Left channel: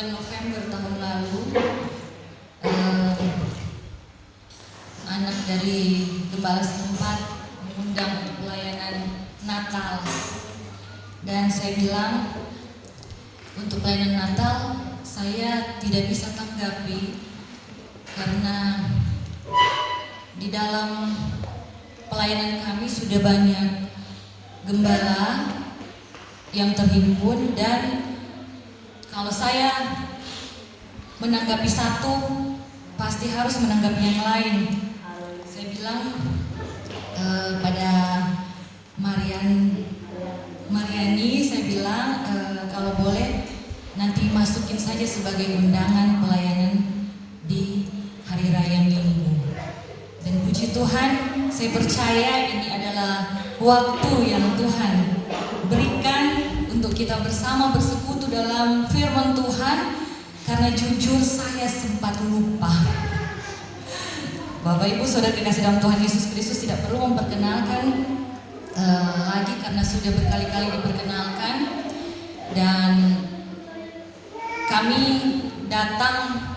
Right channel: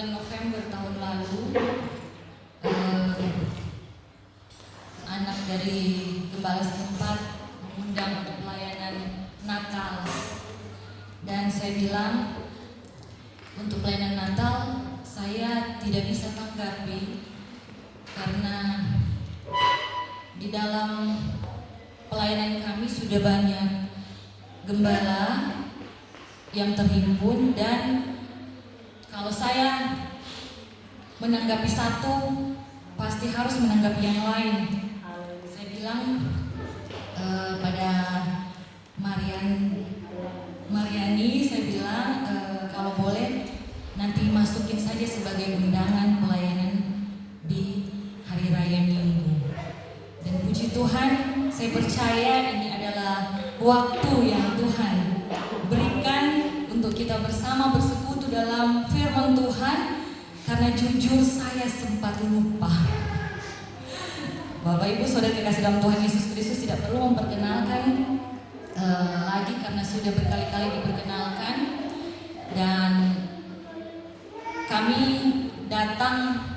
bulan November tahun lalu, anak dari gembala setempat mengundang untuk pelayanan Natal, dan saya bilang untuk pelayanan Natal saya tidak bisa tanggapi karena di dalam pelayanan kami sudah banyak gembala yang terhimpun, dan kalau saya menanggapi satu pasti harus menanggapi yang lain. Saya bilang pada Mariani, saya bilang kalau boleh nanti masukin saja sebagai undangan pelayanan di hari raya Minggu. Dan puji Tuhan, saya percaya ini adalah waktu yang Tuhan berikan untuk kita bersama bersekutu dalam firman Tuhan. Karena jujur saya sempat lupa. Bapak Ibu Saudara kekasih dalam Tuhan Yesus Kristus, tidak perlu memperkenalkan lagi karena sudah berkali-kali diperkenalkan. Dan kami datang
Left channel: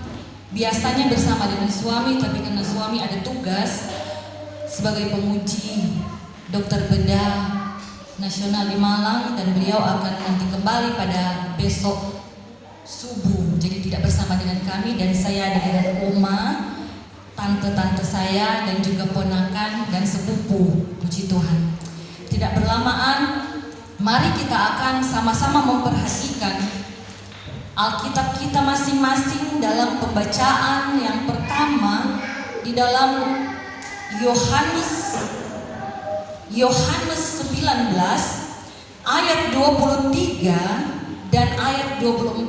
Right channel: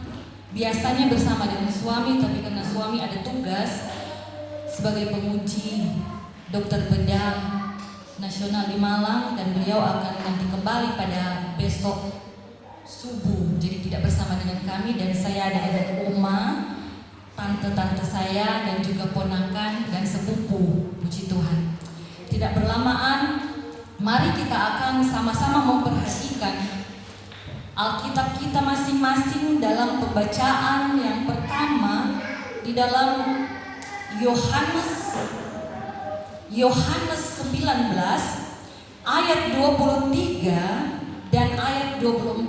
biasanya bersama dengan suami, tapi karena suami ada tugas sebagai penguji dokter bedah nasional di Malang, dan beliau akan nanti kembali pada besok subuh, jadi tidak bersama dengan kami. Dan saya ada dengan oma, tante-tante saya, dan juga ponakan dan sepupu. Puji Tuhan. Tidak berlamaan, mari kita akan sama-sama memperhatikan Alkitab kita masing-masing dalam pembacaan yang pertama di dalam Yohanes 19 ayat 23 dan ayat 24.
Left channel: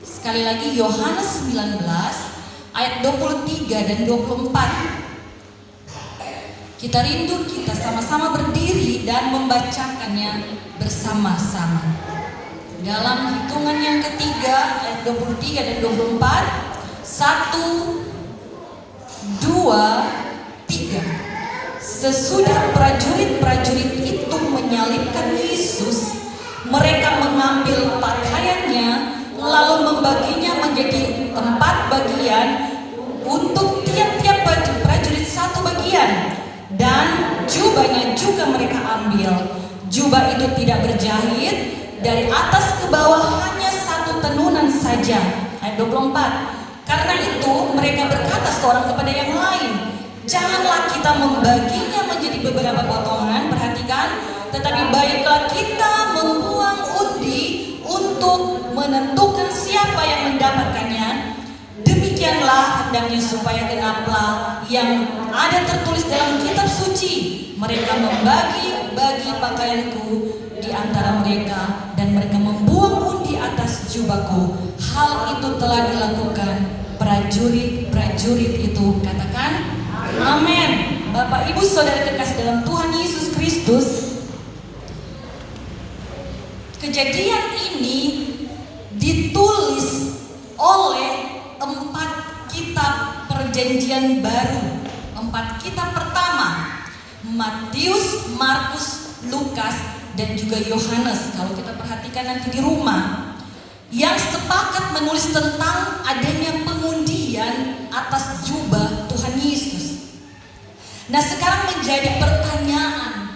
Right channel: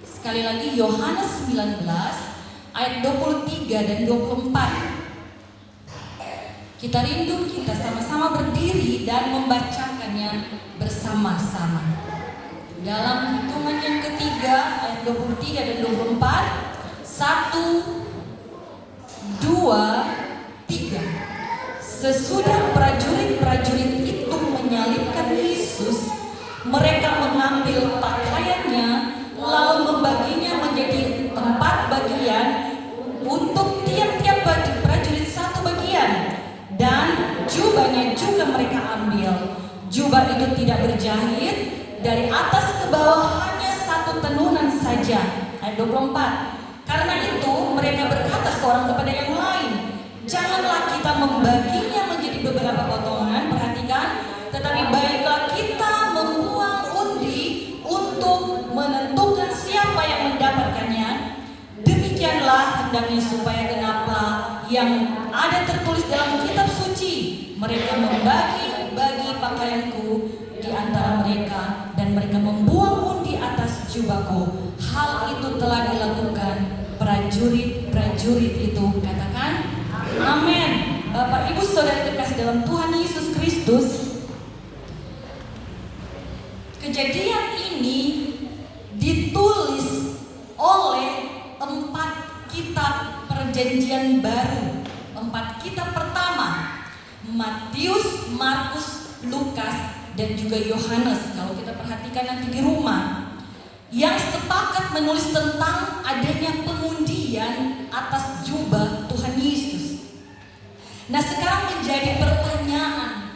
Sekali lagi Yohanes 19 ayat 23 dan 24. Kita rindu kita sama-sama berdiri dan membacakannya bersama-sama. Dalam hitungan yang ketiga ayat 23 dan 24. 1, 2, 3. Sesudah prajurit-prajurit itu menyalibkan Yesus, mereka mengambil pakaiannya lalu membaginya menjadi 4 bagian untuk tiap-tiap prajurit 1 bagian, dan jubahnya juga mereka ambil. Jubah itu tidak berjahit, dari atas ke bawah hanya 1 tenunan saja. Ayat 24. Karena itu mereka berkata seorang kepada yang lain, janganlah kita membaginya menjadi beberapa potongan, perhatikan, tetapi baiklah kita membuang undi untuk menentukan siapa yang mendapatkannya. Demikianlah hendaknya supaya genaplah yang ada tertulis dalam kitab suci. Mereka membagi-bagi pakaianku di antara mereka, dan mereka membuang undi atas jubahku. Hal itu telah dilakukan prajurit-prajurit itu. Katakan amin. Bapak Ibu Saudara terkasih dalam Tuhan Yesus Kristus, kejadian ini ditulis oleh 4 kitab perjanjian baru. 4 kitab pertama, Matius, Markus, Lukas, dan juga Yohanes. Kalau kita perhatikan nanti di rumah, yang sepakat menulis tentang adanya pengundian atas jubah Tuhan Yesus. Nah, sekarang menjadi pertanyaan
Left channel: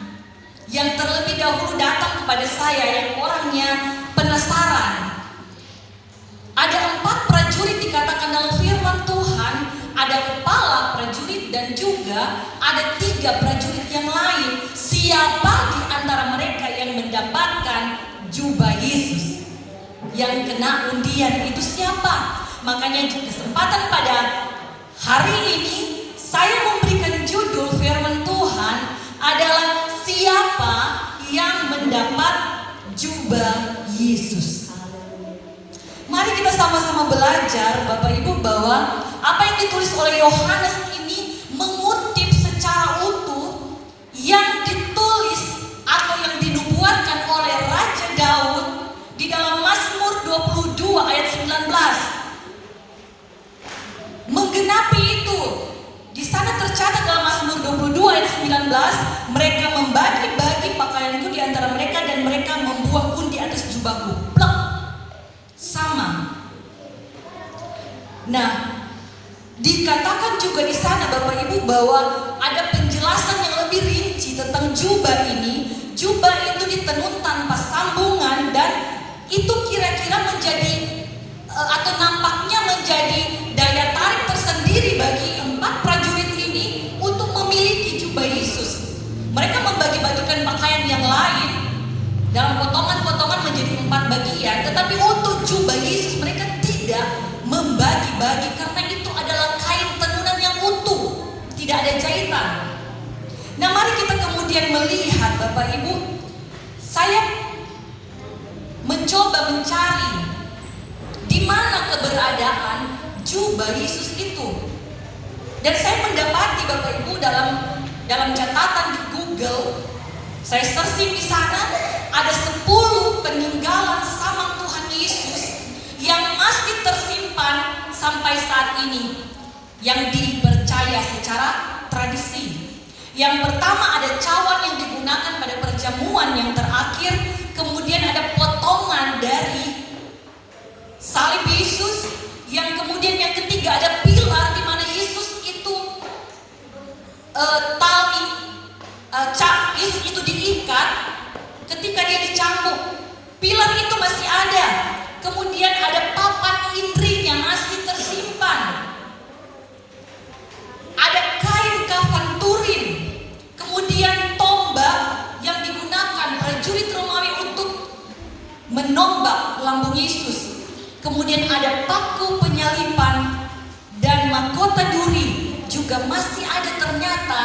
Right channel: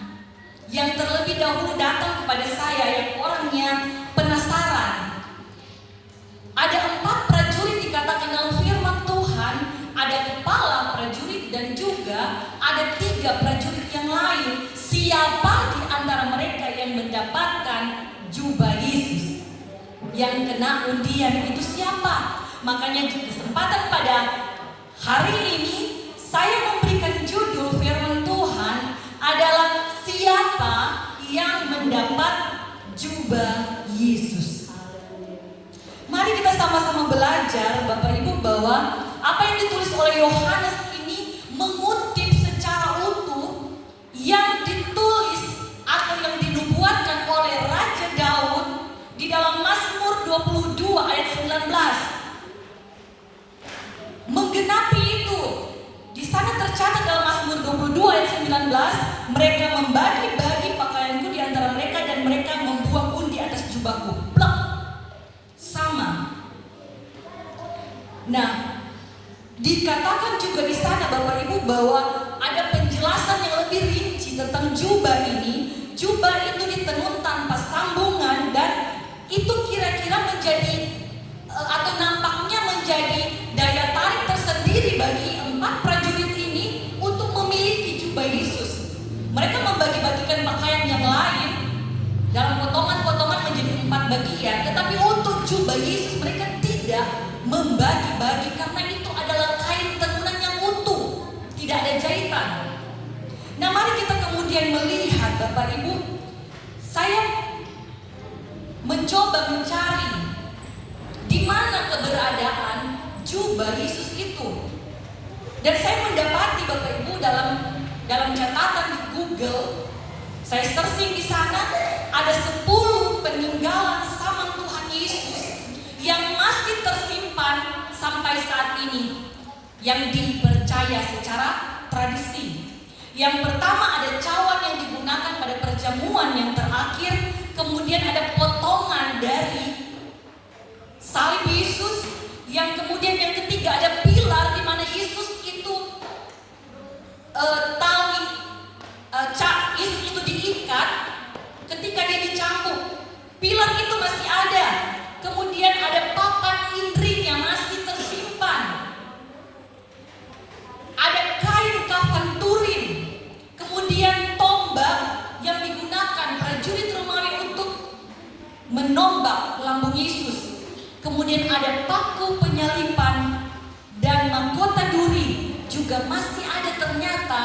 yang terlebih dahulu datang kepada saya yang orangnya penasaran. Ada 4 prajurit dikatakan dalam firman Tuhan, ada kepala prajurit dan juga ada 3 prajurit yang lain. Siapa di antara mereka yang mendapatkan jubah Yesus? Yang kena undian itu siapa? Makanya di kesempatan pada hari ini saya memberikan judul firman Tuhan adalah siapa yang mendapat jubah Yesus. Mari kita sama-sama belajar Bapak Ibu bahwa apa yang ditulis oleh Yohanes ini mengutip secara utuh yang ditulis atau yang dinubuatkan oleh Raja Daud di dalam Mazmur 22 ayat 19. Menggenapi itu, di sana tercatat dalam Mazmur 22 ayat 19, mereka membagi-bagi pakaianku di antara mereka dan mereka membuang undi atas jubahku. Plak. Sama. Nah, dikatakan juga di sana Bapak Ibu bahwa ada penjelasan yang lebih rinci tentang jubah ini. Jubah itu ditenun tanpa sambungan dan itu kira-kira menjadi atau nampaknya menjadi daya tarik tersendiri bagi 4 prajurit ini untuk memiliki jubah Yesus. Mereka membagi-bagikan pakaian yang lain dalam potongan-potongan menjadi 4 bagian, tetapi untuk jubah Yesus mereka tidak membagi-bagi karena itu adalah kain tenunan yang utuh, tidak ada jahitan. Nah, mari kita kemudian melihat Bapak Ibu, saya mencoba mencari di mana keberadaan jubah Yesus itu. Dan saya mendapati Bapak Ibu dalam catatan di Google, saya searching di sana ada 10 peninggalan sama Tuhan Yesus yang masih tersimpan sampai saat ini yang dipercaya secara tradisi. Yang pertama ada cawan yang digunakan pada perjamuan yang terakhir, kemudian ada potongan dari salib Yesus, yang kemudian yang ketiga ada pilar di mana Yesus itu Yesus itu diikat ketika dia dicambuk. Pilar itu masih ada. Kemudian ada papan indri yang masih tersimpan. Ada kain kafan Turin. Kemudian tombak yang digunakan prajurit Romawi untuk menombak lambung Yesus. Kemudian ada paku penyalipan dan mahkota duri juga masih ada ternyata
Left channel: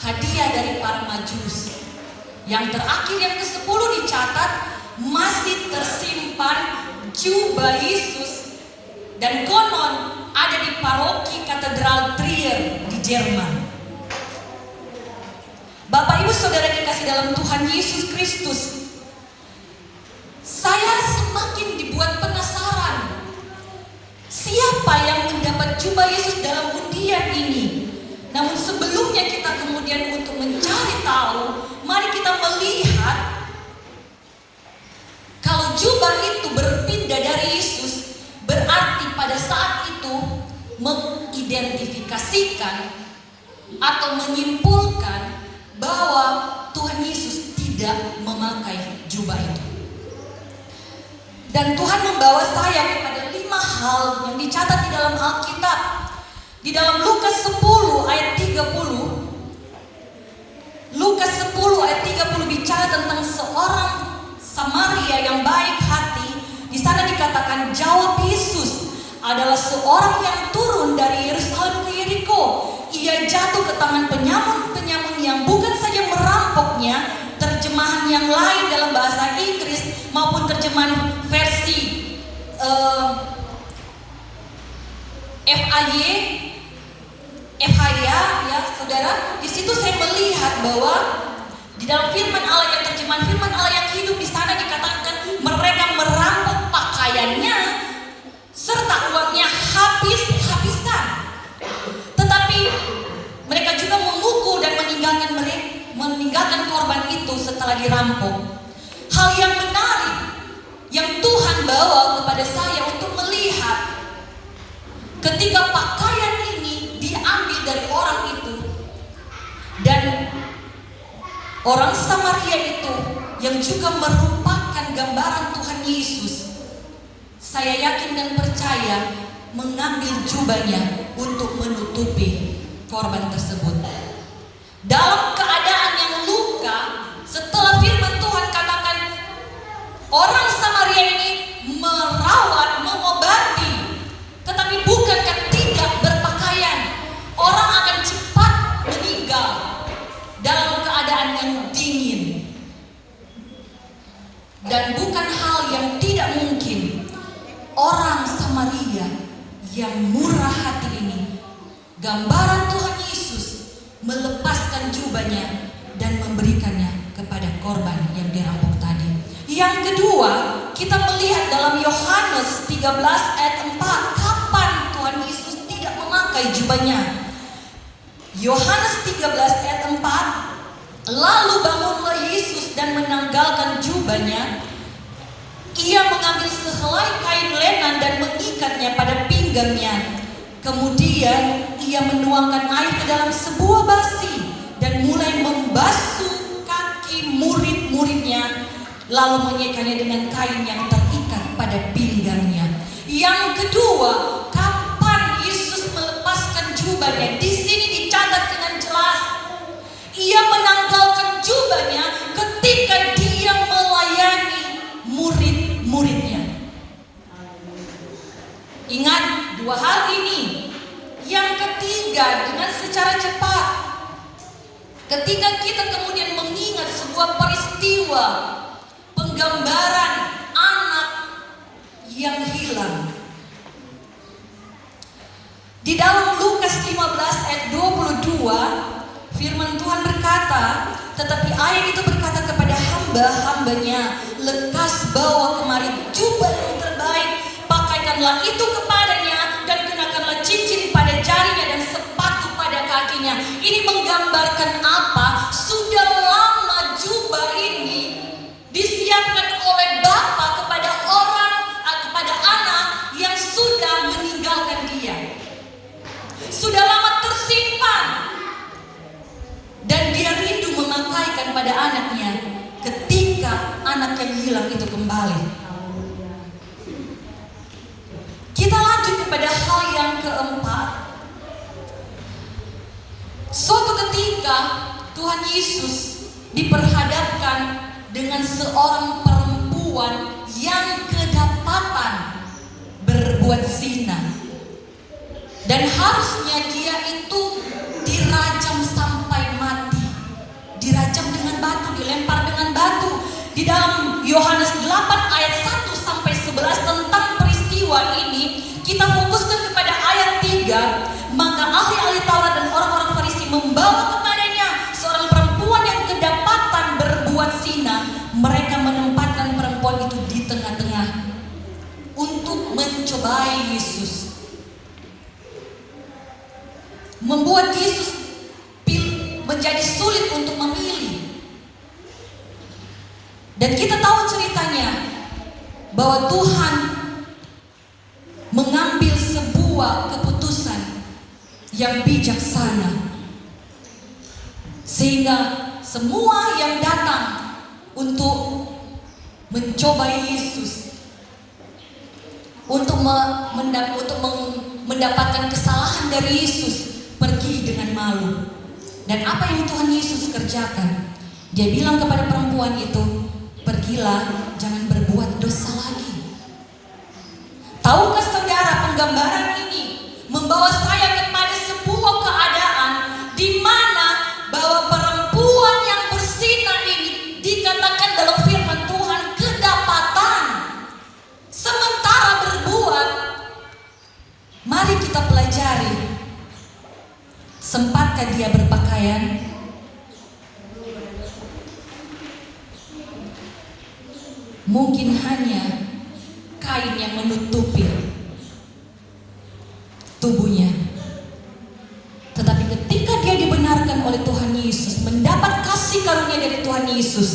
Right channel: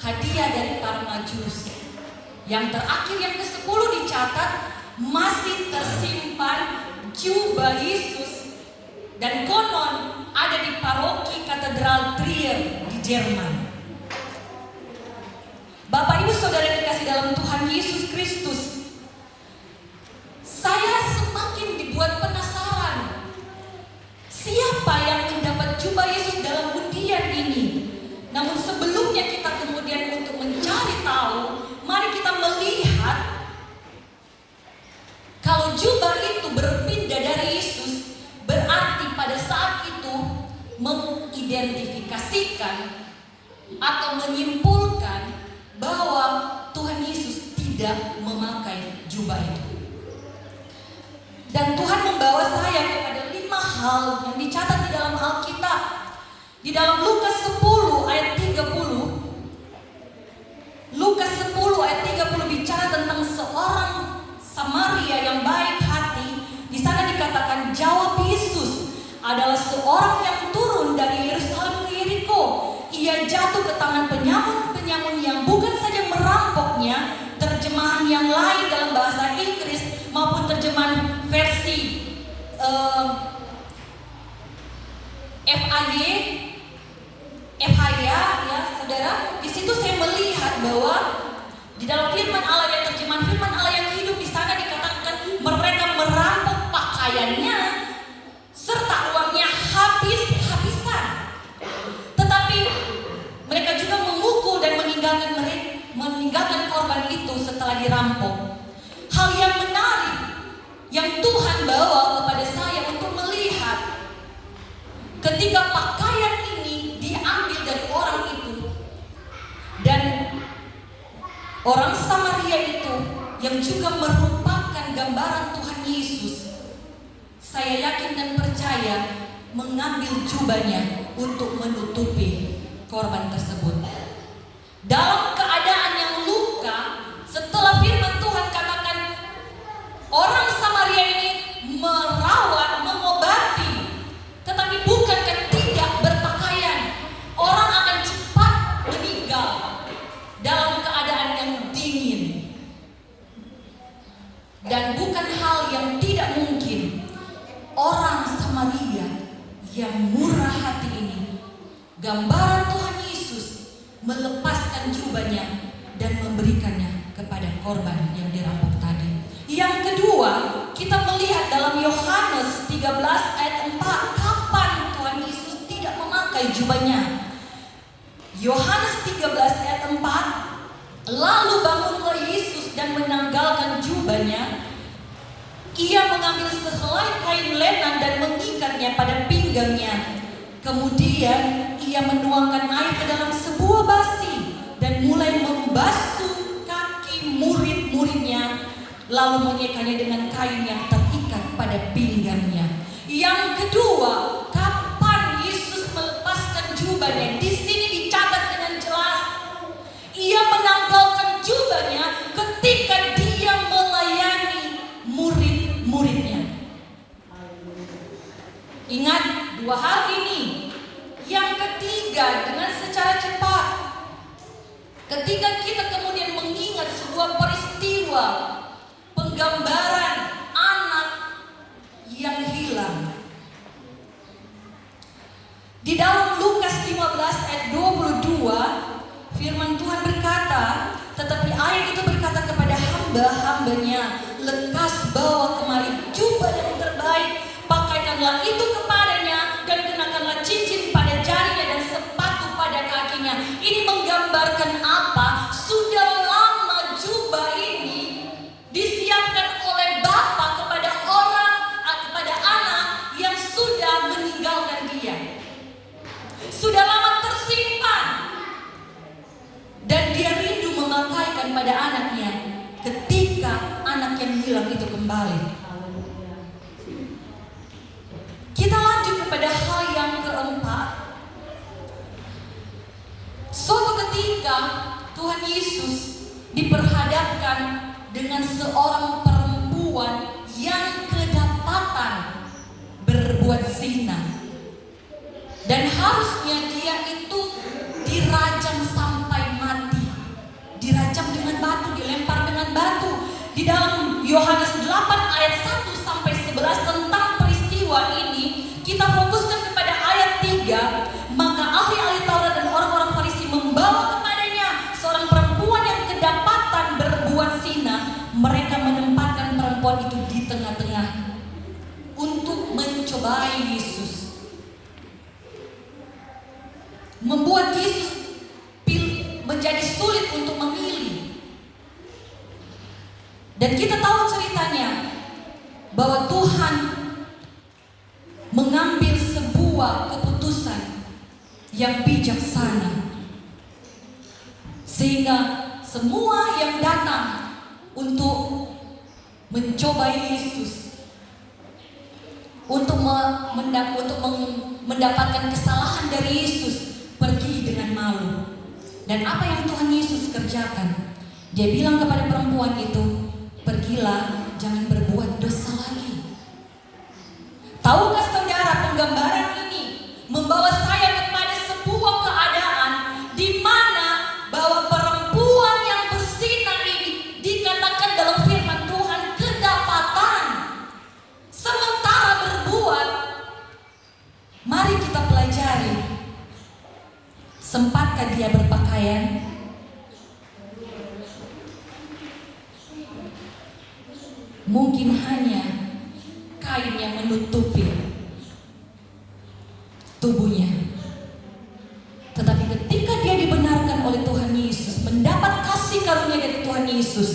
hadiah dari para Majus. Yang terakhir yang ke-10 dicatat masih tersimpan jubah Yesus dan konon ada di paroki Katedral Trier di Jerman. Bapak Ibu Saudara dikasih dalam Tuhan Yesus Kristus, saya semakin dibuat penasaran. Siapa yang mendapat jubah Yesus dalam undian ini? Namun sebelumnya kita kemudian untuk mencari tahu, mari kita melihat kalau jubah itu berpindah dari Yesus, berarti pada saat itu mengidentifikasikan atau menyimpulkan bahwa Tuhan Yesus tidak memakai jubah itu. Dan Tuhan membawa saya kepada 5 hal yang dicatat di dalam Alkitab. Di dalam Lukas 10 ayat 30, Lukas 10 ayat 30 bicara tentang seorang Samaria yang baik hati. Di sana dikatakan jawab Yesus adalah seorang yang turun dari Yerusalem ke Yeriko. Ia jatuh ke tangan penyamun-penyamun yang bukan saja merampoknya, terjemahan yang lain dalam bahasa Inggris maupun terjemahan versi FHY ya saudara. Di situ saya melihat bahwa di dalam firman Allah yang terjemahan firman Allah yang hidup di sana dikatakan mereka merampok pakaiannya serta uangnya habis-habisan. Tetapi mereka juga memukul dan meninggalkan korban itu setelah dirampok. Hal yang menarik yang Tuhan bawa kepada saya untuk melihat ketika pakaian ini diambil dari orang itu dan orang Samaria itu yang juga merupakan gambaran Tuhan Yesus, saya yakin dan percaya mengambil jubahnya untuk menutupi korban tersebut. Dalam keadaan yang luka, setelah firman Tuhan katakan orang Samaria ini merawat, mengobati, tetapi bukankah tidak berpakaian, orang akan cepat meninggal dalam keadaan yang dingin. Dan bukan hal yang tidak mungkin orang Samaria yang murah hati ini, gambaran Tuhan Yesus, melepaskan jubahnya dan memberikannya kepada korban yang dirampok tadi. Yang kedua, kita melihat dalam Yohanes 13 ayat 4, kapan Tuhan Yesus tidak memakai jubahnya. Yohanes 13 ayat 4, lalu bangunlah Yesus dan menanggalkan jubahnya. Ia mengambil sehelai kain lenan dan mengikatnya pada pinggul pinggangnya. Kemudian ia menuangkan air ke dalam sebuah basi dan mulai membasuh kaki murid-muridnya, lalu mengikatnya dengan kain yang terikat pada pinggangnya. Yang kedua, kapan Yesus melepaskan jubahnya? Di sini dicatat dengan jelas. Ia menanggalkan jubahnya ketika dia melayani murid-muridnya. Ingat dua hal ini. Yang ketiga, dengan secara cepat, ketika kita kemudian mengingat sebuah peristiwa penggambaran anak yang hilang. Di dalam Lukas 15 ayat 22, firman Tuhan berkata, tetapi ayah itu berkata kepada hamba-hambanya, lekas bawa kemari jubah yang terbaik, pakaikanlah itu kepadanya, dan kenakanlah cincin pada jarinya dan sepatu pada kakinya. Ini menggambarkan apa? Sudah lama jubah ini disiapkan oleh Bapa kepada kepada anak yang sudah meninggalkan dia. Sudah lama tersimpan. Dan dia rindu memakaikan pada anaknya ketika anak yang hilang itu kembali. Kita lanjut kepada hal yang keempat. Suatu ketika Tuhan Yesus diperhadapkan dengan seorang perempuan yang kedapatan berbuat zina. Dan harusnya dia itu dirajam sampai mati. Dirajam dengan batu, dilempar dengan batu. Di dalam Yohanes 8 ayat 1 sampai 11 tentang peristiwa ini, kita fokuskan kepada ayat 3. Maka ahli-ahli Taurat dan orang-orang Farisi membawa kepadanya seorang perempuan yang kedapatan berbuat zina. Mereka menempatkan perempuan itu di tengah-tengah untuk mencobai Yesus, membuat Yesus menjadi sulit untuk memilih. Dan kita tahu ceritanya bahwa Tuhan mengambil sebuah keputusan yang bijaksana, sehingga semua yang datang untuk mencobai Yesus, untuk mendapatkan kesalahan dari Yesus, pergi dengan malu. Dan apa yang Tuhan Yesus kerjakan? Dia bilang kepada perempuan itu, pergilah, jangan berbuat dosa lagi. Tahukah saudara, penggambaran ini membawa saya kepada sebuah keadaan di mana bahwa perempuan yang berzina ini dikatakan dalam firman Tuhan kedapatan, sementara berbuat. Mari kita pelajari. Sempatkah dia berpakaian? Mungkin hanya kain yang menutupi tubuhnya. Tetapi ketika dia dibenarkan oleh Tuhan Yesus, mendapat kasih karunia dari Tuhan Yesus,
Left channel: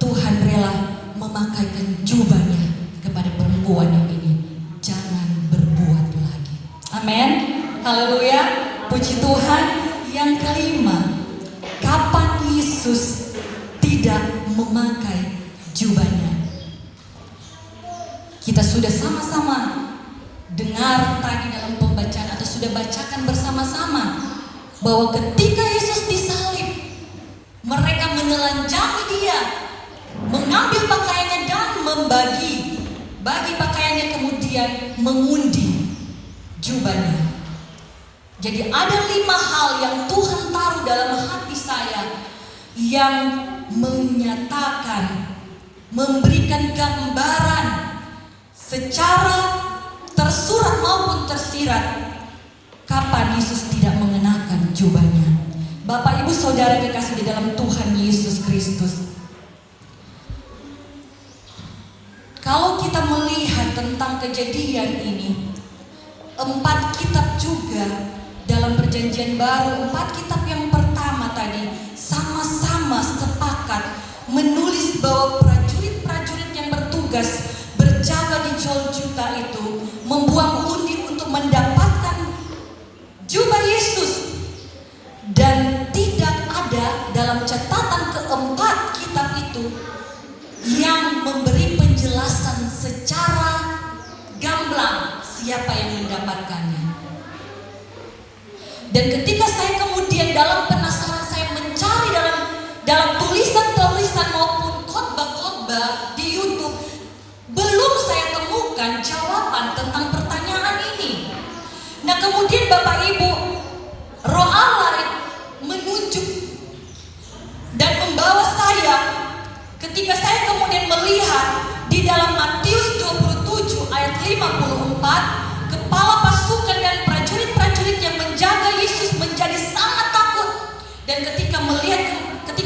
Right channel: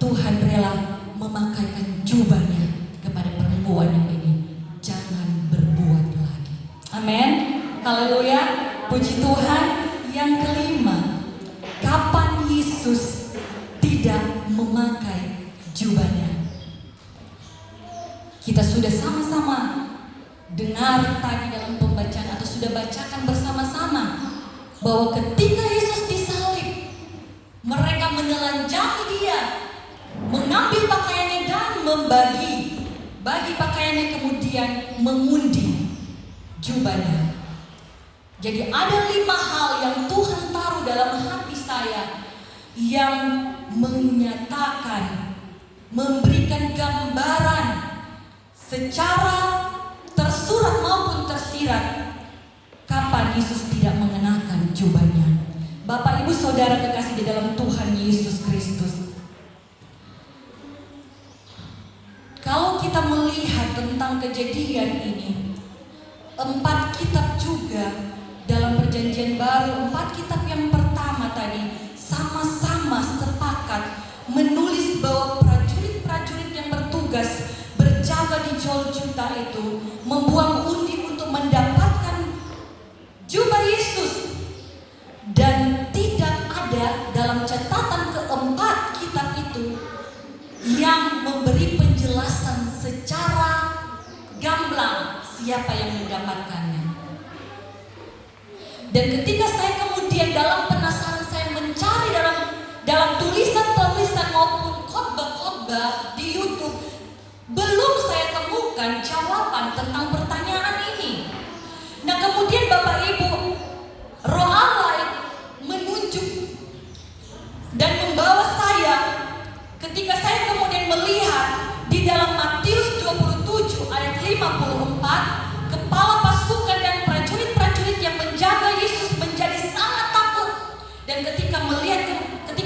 Tuhan rela memakaikan jubahnya kepada perempuan yang ini. Jangan berbuat lagi. Amin. Haleluya. Puji Tuhan. Yang kelima, kapan Yesus tidak memakai jubahnya? Kita sudah sama-sama dengar tadi dalam pembacaan atau sudah bacakan bersama-sama bahwa ketika Yesus disalib, mereka menelanjangi dia, mengambil pakaiannya dan bagi pakaiannya, kemudian mengundi jubahnya. Jadi ada 5 hal yang Tuhan taruh dalam hati saya yang menyatakan, memberikan gambaran secara tersurat maupun tersirat kapan Yesus tidak mengenakan jubahnya. Bapak Ibu Saudara kekasih di dalam Tuhan Yesus Kristus, kalau kita melihat tentang kejadian ini, 4 kitab juga dalam perjanjian baru, 4 kitab yang pertama tadi sama-sama sepakat menulis bahwa prajurit-prajurit yang bertugas berjaga di Golgota itu membuang undi dalam catatan keempat kitab itu yang memberi penjelasan secara gamblang siapa yang mendapatkannya. Dan ketika saya kemudian dalam penasaran saya mencari dalam tulisan-tulisan maupun khotbah-khotbah di YouTube, belum saya temukan jawaban tentang pertanyaan ini. Nah, kemudian Bapak Ibu, Roh Allah menunjuk dan membawa saya ketika saya kemudian melihat di dalam Matius 27 ayat 54, kepala pasukan dan prajurit-prajurit yang menjaga Yesus menjadi sangat takut. Dan ketika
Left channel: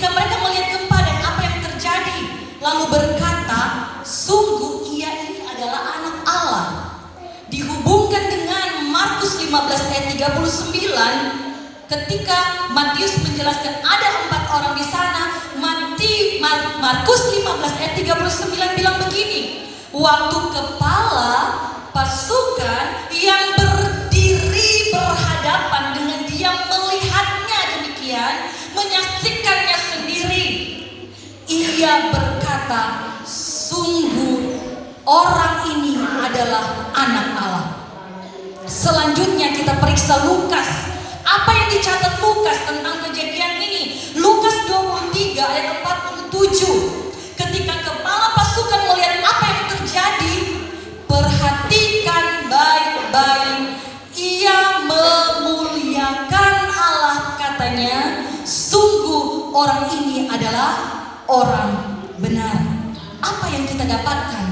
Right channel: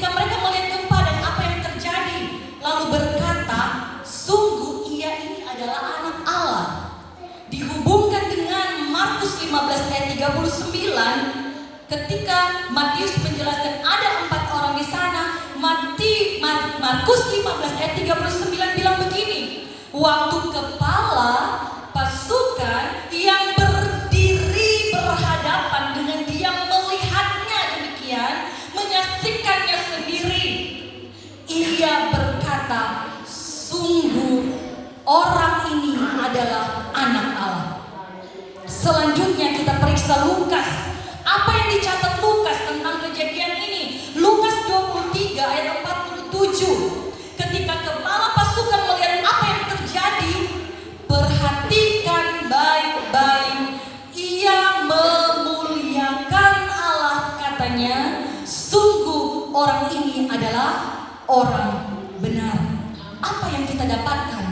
mereka melihat gempa dan apa yang terjadi, lalu berkata, sungguh ia ini adalah anak Allah. Dihubungkan dengan Markus 15 ayat 39, ketika Matius menjelaskan ada 4 orang di sana, Markus 15 ayat 39 bilang begini, waktu kepala pasukan yang berdiri berhadapan dengan dia melihatnya demikian, menyaksikannya sendiri, ia berkata, sungguh orang ini adalah anak Allah. Selanjutnya kita periksa Lukas. Apa yang dicatat Lukas tentang kejadian ini? Lukas 23 ayat 47. Ketika kepala pasukan melihat apa yang terjadi, perhatikan baik-baik. Ia memuliakan Allah, katanya, sungguh orang ini adalah orang benar. Apa yang kita dapatkan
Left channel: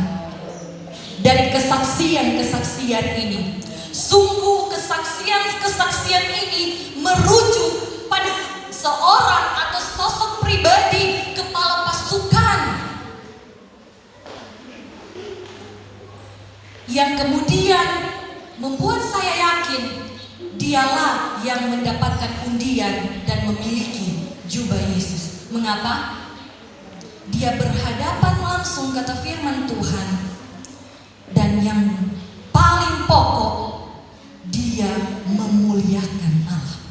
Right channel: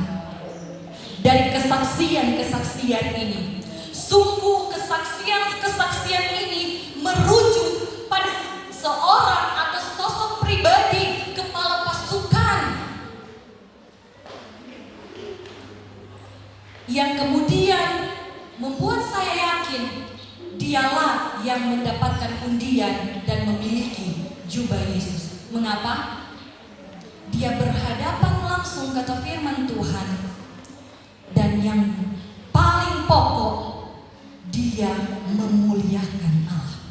dari kesaksian-kesaksian ini? Sungguh kesaksian ini merujuk pada seorang atau sosok pribadi kepala pasukan yang kemudian membuat saya yakin dialah yang mendapatkan undian dan memiliki jubah Yesus. Mengapa? Dia berhadapan langsung, kata firman Tuhan, dan yang paling pokok, dia memuliakan Allah.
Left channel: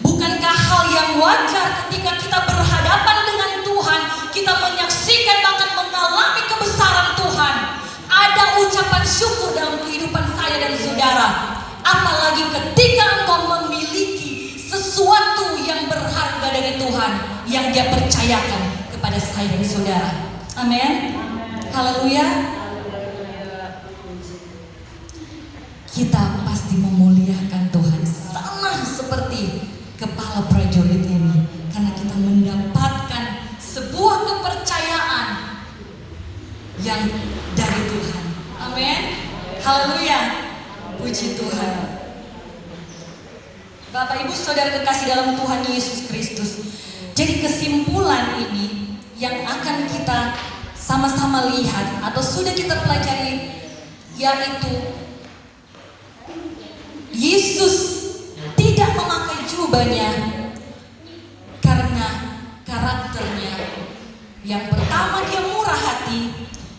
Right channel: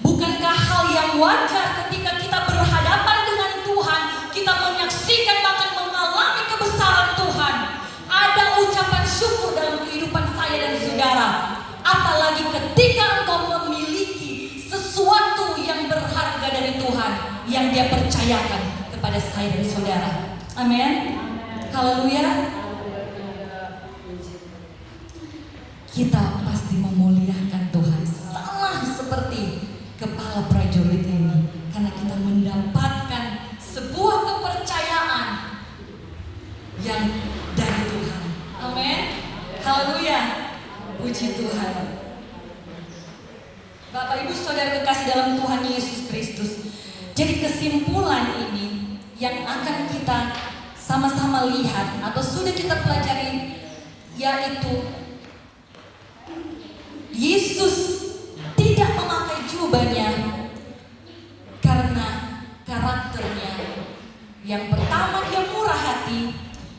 Bukankah hal yang wajar ketika kita berhadapan dengan Tuhan, kita menyaksikan bahkan mengalami kebesaran Tuhan, ada ucapan syukur dalam kehidupan saya dan saudara. Apalagi ketika engkau memiliki sesuatu yang berharga dari Tuhan yang dia percayakan kepada saya dan saudara. Amin. Haleluya. Kita pasti memuliakan Tuhan sama seperti kepala prajurit ini, karena kita mendapatkan sebuah kepercayaan yang dari Tuhan. Amin. Haleluya. Puji Tuhan. Bapak Ibu Saudara kekasih dalam Tuhan Yesus Kristus. Jadi kesimpulan ini yang akan kita sama-sama lihat atau sudah kita pelajari, yaitu Yesus tidak memakai jubahnya karena karakternya. Yang pertama, dia murah hati,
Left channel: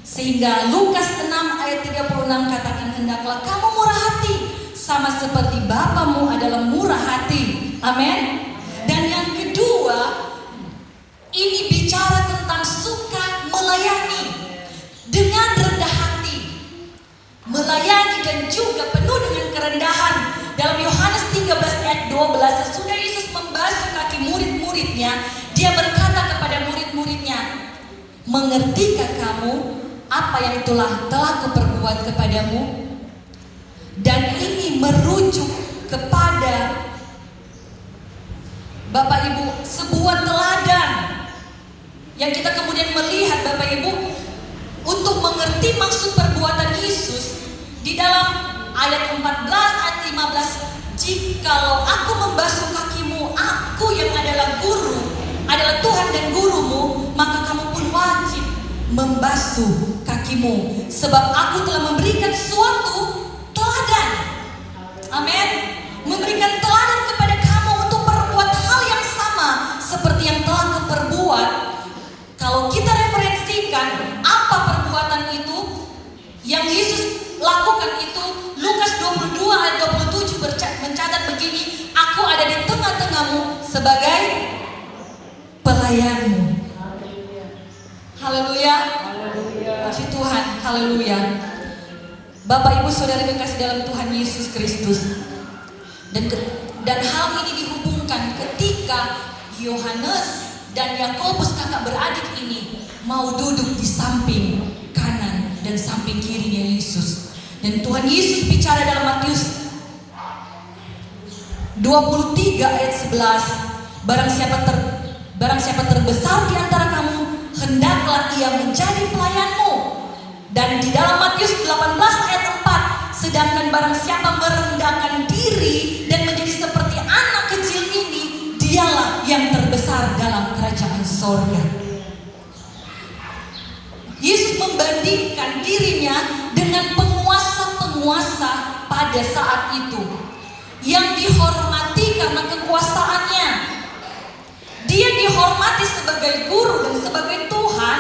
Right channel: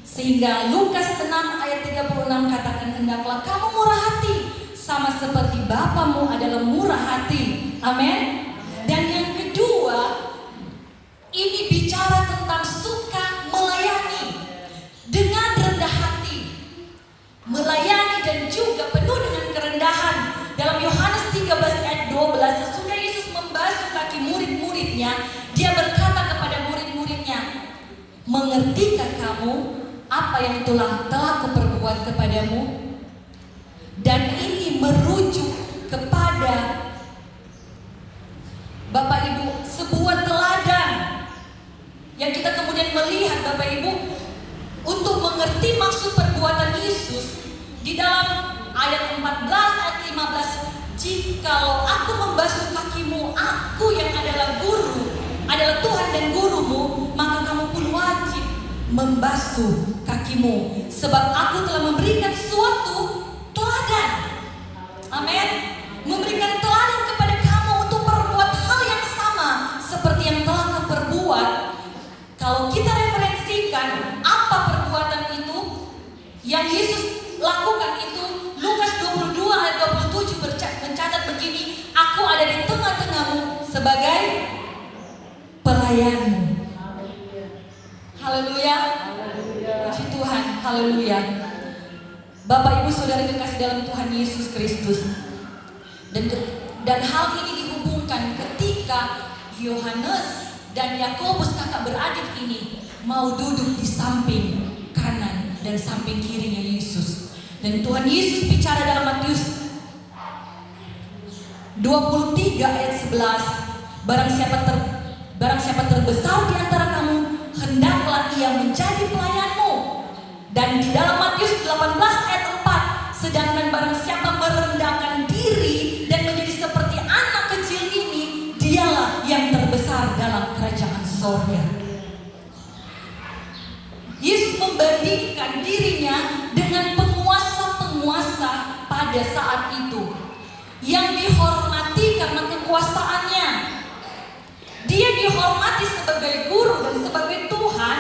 sehingga Lukas 6 ayat 36 katakan, hendaklah kamu murah hati sama seperti Bapamu adalah murah hati. Amin. Dan yang kedua, ini bicara tentang suka melayani dengan rendah hati, melayani dan juga penuh dengan kerendahan. Dalam Yohanes 13 ayat 12, sesudah Yesus membasuh kaki murid-muridnya, dia berkata kepada murid-muridnya, mengertikah kamu apa yang telah kuperbuat kepadamu? Dan ini merujuk kepada Bapak Ibu sebuah teladan yang kita kemudian melihat Bapak Ibu untuk mengerti maksud perbuatan Yesus. Di dalam ayat 14 ayat 15, jikalau aku membasuh kakimu, aku yang adalah guru, adalah Tuhan dan gurumu, maka kamu pun wajib membasuh kakimu, sebab aku telah memberikan suatu teladan. Amin. Memberikan teladan kepada kamu untuk berbuat hal yang sama seperti yang telah kuperbuat. Kalau kita referensikan apa perbuatan itu yang Yesus lakukan, itu Lukas 22 ayat 27 mencatat begini, aku ada di tengah-tengahmu sebagai pelayanmu. Haleluya. Puji Tuhan. Haleluya. Bapak Ibu Saudara kekasih dalam Tuhan Yesus Kristus. Dan hal ini dihubungkan ketika Yohanes dan Yakobus kakak beradik ini mau duduk di samping kanan dan samping kirinya Yesus. Dan Tuhan Yesus bicara dalam Matius 23 ayat 11, barang siapa terbesar di antara kamu, hendaklah ia menjadi pelayanmu. Dan di dalam Matius 18 ayat 4, sedangkan barang siapa merendahkan diri dan menjadi seperti anak kecil ini, dialah yang terbesar dalam kerajaan sorga. Yesus membandingkan dirinya dengan penguasa-penguasa pada saat itu yang dihormati karena kekuasaannya. Dia dihormati sebagai guru dan sebagai Tuhan.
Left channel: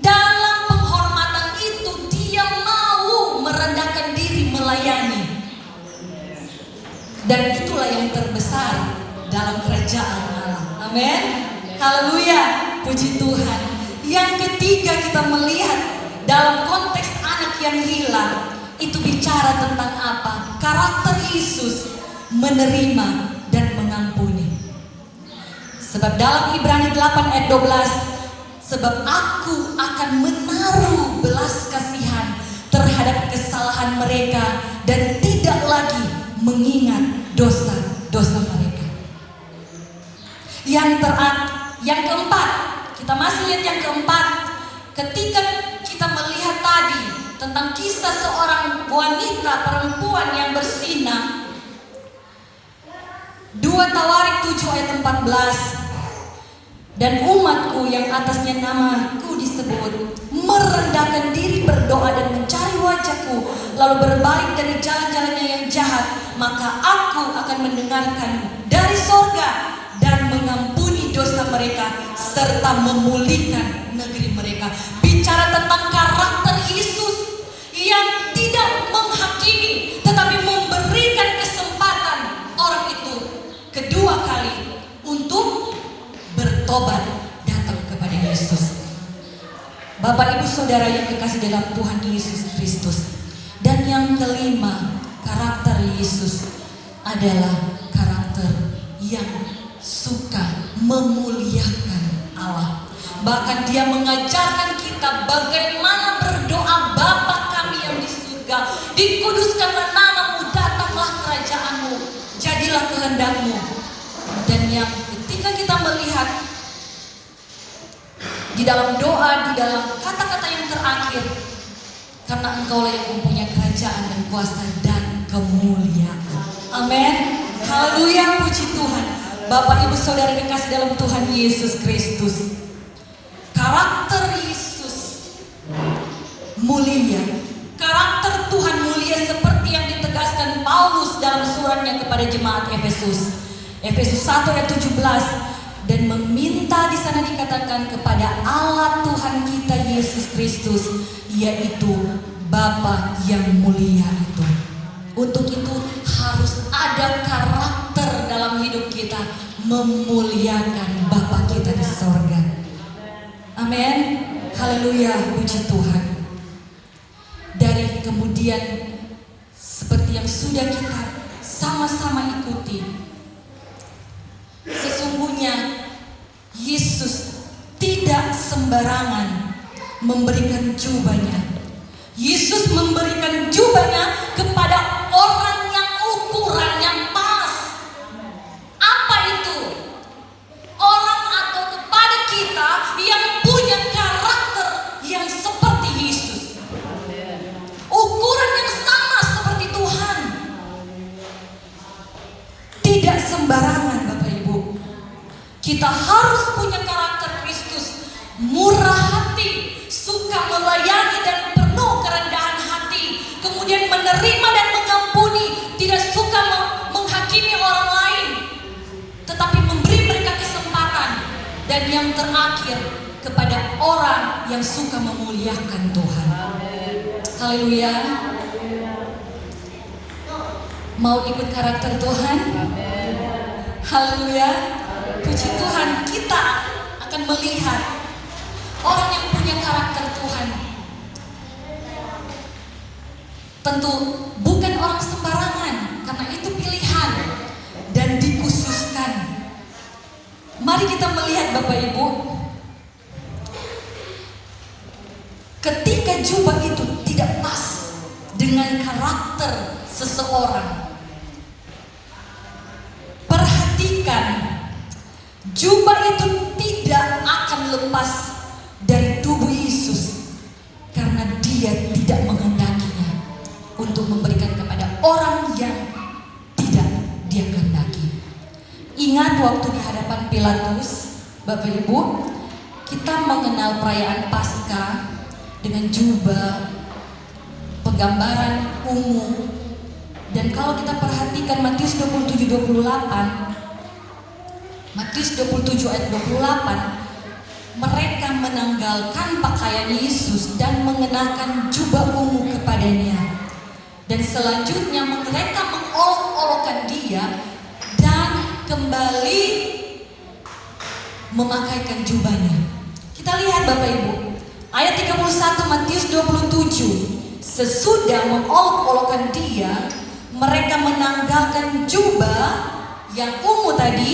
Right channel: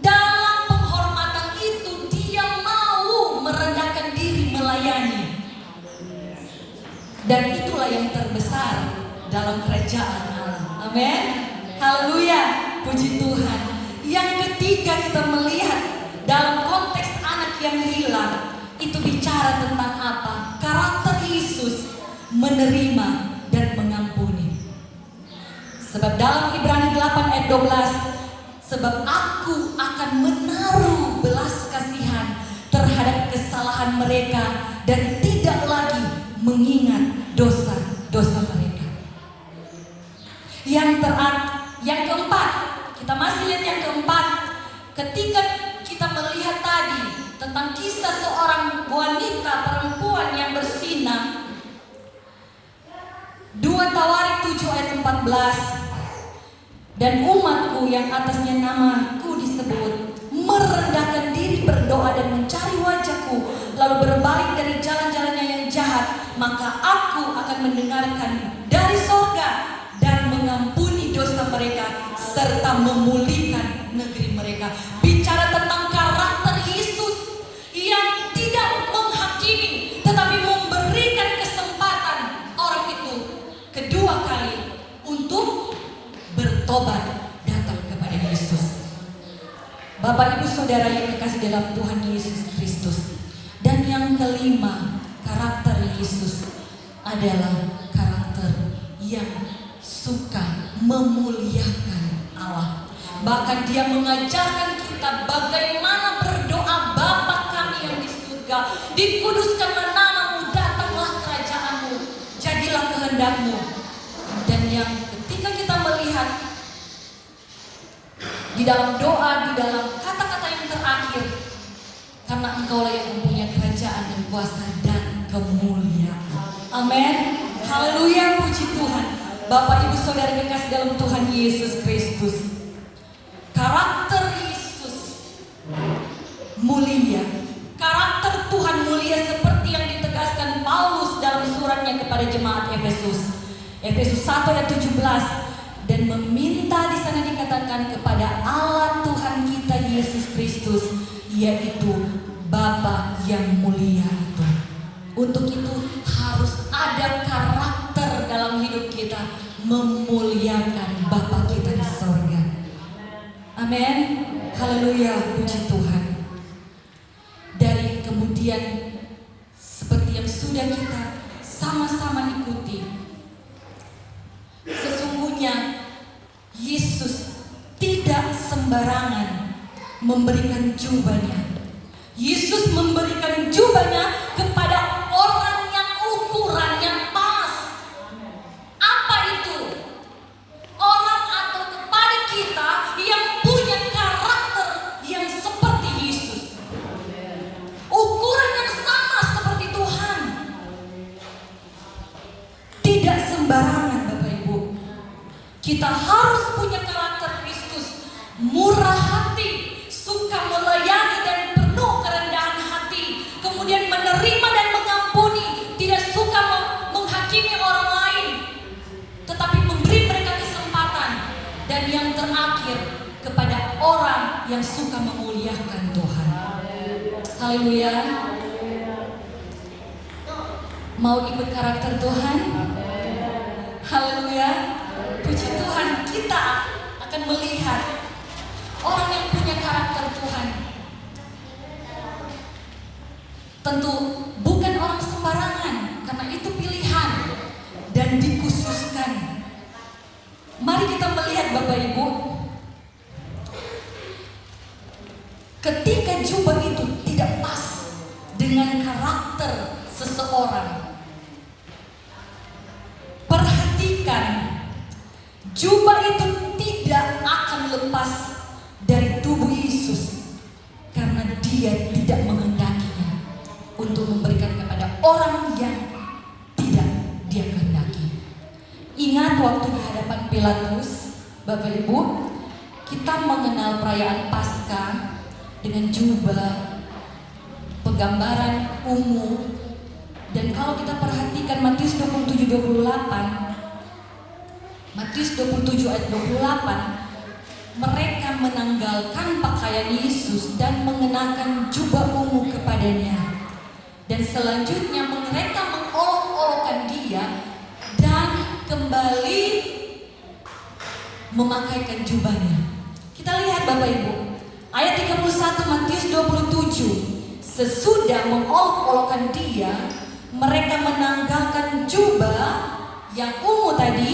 Dalam penghormatan itu dia mau merendahkan diri melayani. Dan itulah yang terbesar dalam kerajaan Allah. Amin. Haleluya. Puji Tuhan. Yang ketiga kita melihat dalam konteks anak yang hilang, itu bicara tentang apa? Karakter Yesus menerima dan mengampuni. Sebab dalam Ibrani 8 ayat 12, sebab aku akan menaruh belas kasihan terhadap kesalahan mereka dan tidak lagi mengingat dosa-dosa mereka. Yang keempat, kita masih lihat yang keempat. Ketika kita melihat tadi tentang kisah seorang wanita perempuan yang bersinah, 2 Tawarik 7 ayat 14, dan umatku yang atasnya namaku disebut merendahkan diri, berdoa dan mencari wajahku, lalu berbalik dari jalan-jalannya yang jahat, maka aku akan mendengarkan dari sorga dan mengampuni dosa mereka serta memulihkan negeri mereka. Bicara tentang karakter Yesus yang tidak menghakimi tetapi memberikan kesempatan orang itu kedua kali untuk bertobat datang kepada Yesus. Bapak Ibu Saudara yang kekasih dalam Tuhan Yesus Kristus. Dan yang kelima, karakter Yesus adalah karakter yang suka memuliakan Allah. Bahkan dia mengajarkan kita bagaimana berdoa, Bapa kami yang di surga, dikuduskanlah namamu, datanglah kerajaanmu, jadilah kehendakmu. Dan yang ketika kita melihat di dalam doa, di dalam kata-kata yang terakhir, karena engkaulah yang mempunyai kerajaan dan kuasa dan kemuliaan. Amin. Haleluya, puji Tuhan. Bapak Ibu Saudara dikasih dalam Tuhan Yesus Kristus. Karakter Yesus mulia. Karakter Tuhan mulia seperti yang ditegaskan Paulus dalam suratnya kepada jemaat Efesus. Efesus 1 ayat 17. Dan meminta di sana dikatakan kepada Allah Tuhan kita Yesus Kristus, yaitu Bapa yang mulia itu. Untuk itu harus ada karakter dalam hidup kita memuliakan Bapa kita di sorga. Amin. Haleluya, puji Tuhan. Dari kemudian seperti yang sudah kita sama-sama ikuti, sesungguhnya Yesus tidak sembarangan memberikan jubahnya. Yesus memberikan jubahnya kepada orang yang ukurannya pas. Apa itu? Orang atau kepada kita yang punya karakter yang seperti Yesus. Ukuran yang sama seperti Tuhan. Tidak sembarangan Bapak Ibu. Kita harus punya karakter Kristus. Murah hati, suka melayani dan penuh kerendahan hati, kemudian menerima dan mengampuni, tidak suka menghakimi orang lain, tetapi memberi mereka kesempatan. Dan yang terakhir, kepada orang yang suka memuliakan Tuhan. Haleluya. Mau ikut karakter Tuhan? Haleluya. Puji Tuhan, kita akan melihat orang yang punya karakter Tuhan. Tentu bukan orang sembarangan, karena itu pilihan dan dikhususkan. Mari kita melihat Bapak Ibu, ketika jubah itu tidak pas dengan karakter seseorang, perhatikan, jubah itu tidak akan lepas dari tubuh Yesus karena Dia tidak menghendakinya untuk memberikan kepada orang yang tidak Dia kehendaki. Ingat waktu di hadapan Pilatus, Bapak Ibu, kita mengenal perayaan Paskah dengan jubah, penggambaran ungu. Dan kalau kita perhatikan Matius 27:28, Matius 27 ayat 28, mereka menanggalkan pakaian Yesus dan mengenakan jubah ungu kepadanya. Dan selanjutnya mereka mengolok-olokkan Dia dan kembali memakaikan jubahnya. Kita lihat Bapak Ibu, ayat 31 Matius 27. Sesudah mengolok-olokkan Dia, mereka menanggalkan jubah yang ungu tadi